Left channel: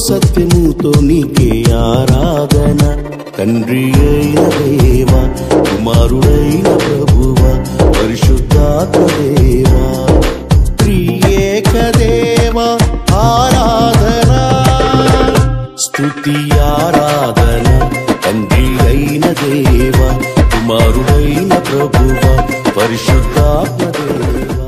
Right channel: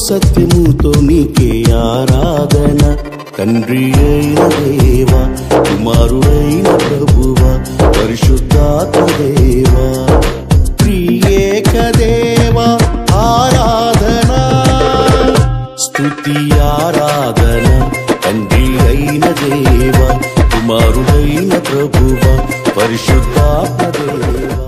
సత్యముతో నీకే ఆరాధన. తండ్రి అయిన దేవా, కుమారుడైన ప్రభువా, పరిశుద్ధాత్మ దేవా, త్రియేక దేవా ఆరాధన, స్తుతి ఆరాధన. తండ్రి అయిన దేవా, కుమారుడైన ప్రభువా, పరిశుద్ధాత్మ దేవా.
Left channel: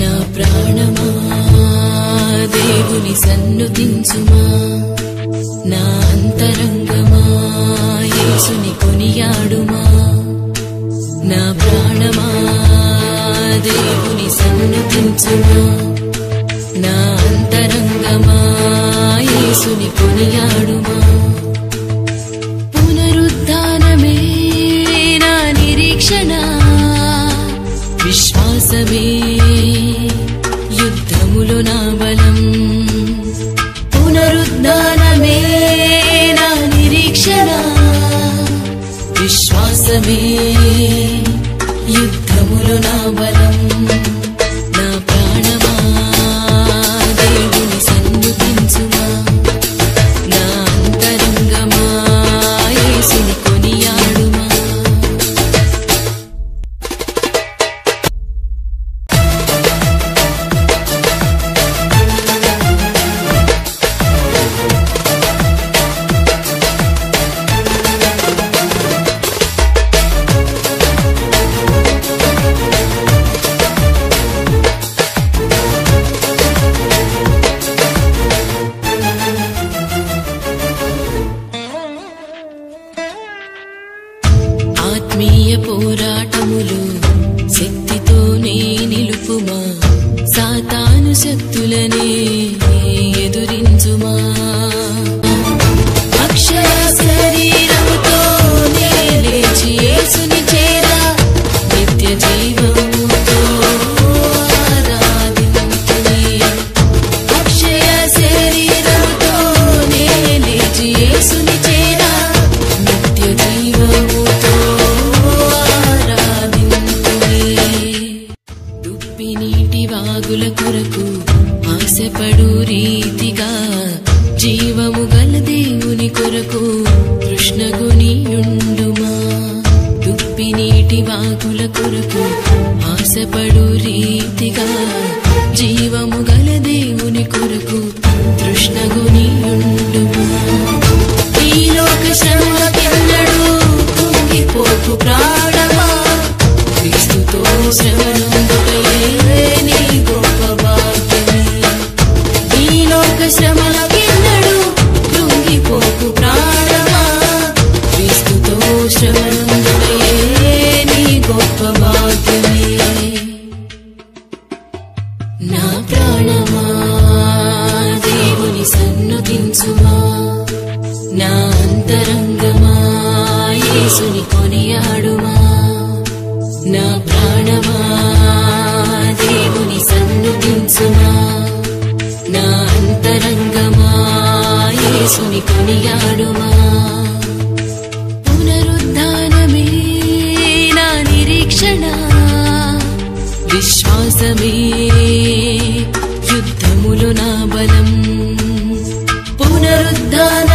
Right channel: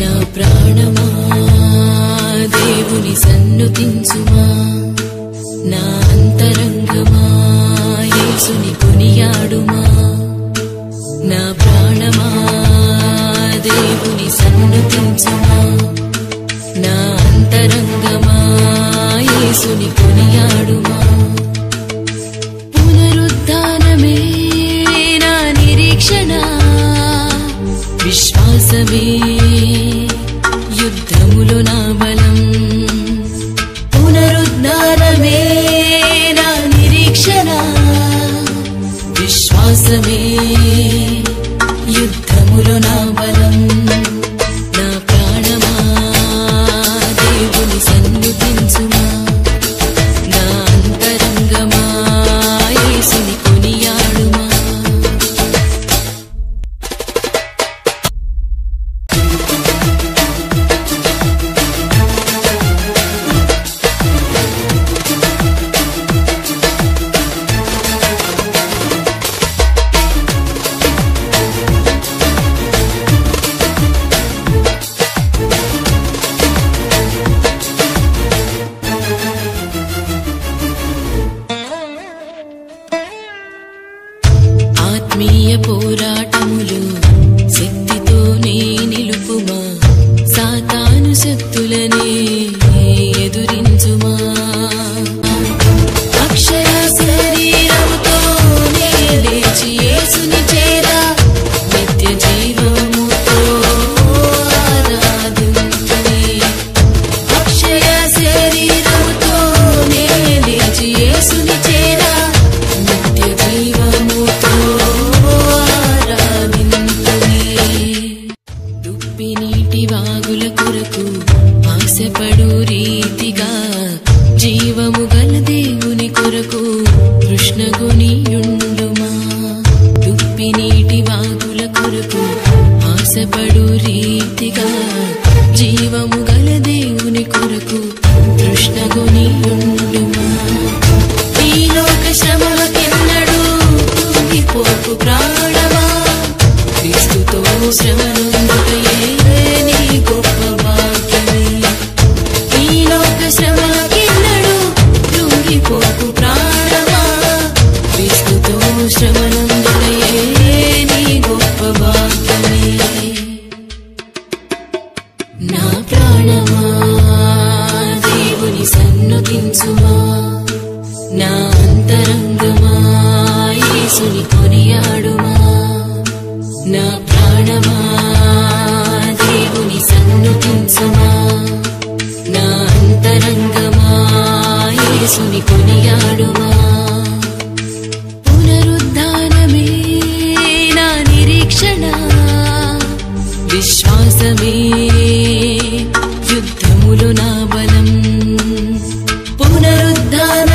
నా ప్రాణమా దేవుని సన్నుతించుమా, నా అంతరంగమా యేసుని కొనియాడుమా. నా ప్రాణమా దేవుని సన్నుతించుమా, నా అంతరంగమా యేసుని కొనియాడుమా. పునరుద్ధానమే నా నిరీక్షణ, విశ్వాసమే యుద్ధములో నా బలం. పునరుద్ధానమే నా నిరీక్షణ, విశ్వాసమే యుద్ధములో నా బలం. నా ప్రాణమా దేవుని సన్నుతించుమా, నా అంతరంగమా యేసుని కొనియాడుమా. ఆత్మీయ పోరాటములు శక్తితోనే నిలుపుమా, సాతాను శక్తులనే ఎదురించుమా. అక్షయ శరీరముతోనే లేచి యేసుని చేరా, నిత్య జీవముతో ఆరాధింతుని. అక్షయ శరీరముతోనే లేచి యేసుని చేరా, నిత్య జీవముతో ఆరాధింతుని. దుప్పి నీటి వాగుల కొరకు ఆశపడు రీతిగా, జీవము గల దేవుని కొరకు తృష్ణగొనియుండుమా. దుప్పి నీటి వాగుల కొరకు ఆశపడు రీతిగా, జీవము గల దేవుని కొరకు తృష్ణగొనియుండుమా. ఈ లోక శ్రమలకెన్నడూ కుంగిపోకు ప్రాణమా, క్రీస్తుతో శ్రమనొందుటయే నీ గొప్ప భాగ్యమే. ఈ లోక శ్రమలకెన్నడూ కృంగిపోకు ప్రాణమా, క్రీస్తుతో శ్రమనొందుటయే నీ గొప్ప భాగ్యమే. నా ప్రాణమా దేవుని సన్నుతించుమా, నా అంతరంగమా యేసుని కొనియాడుమా. నా ప్రాణమా దేవుని సన్నుతించుమా, నా అంతరంగమా యేసుని కొనియాడుమా. పునరుద్ధానమే నా నిరీక్షణ, విశ్వాసమే యుద్ధములో నా బలం. పునరుద్ధాన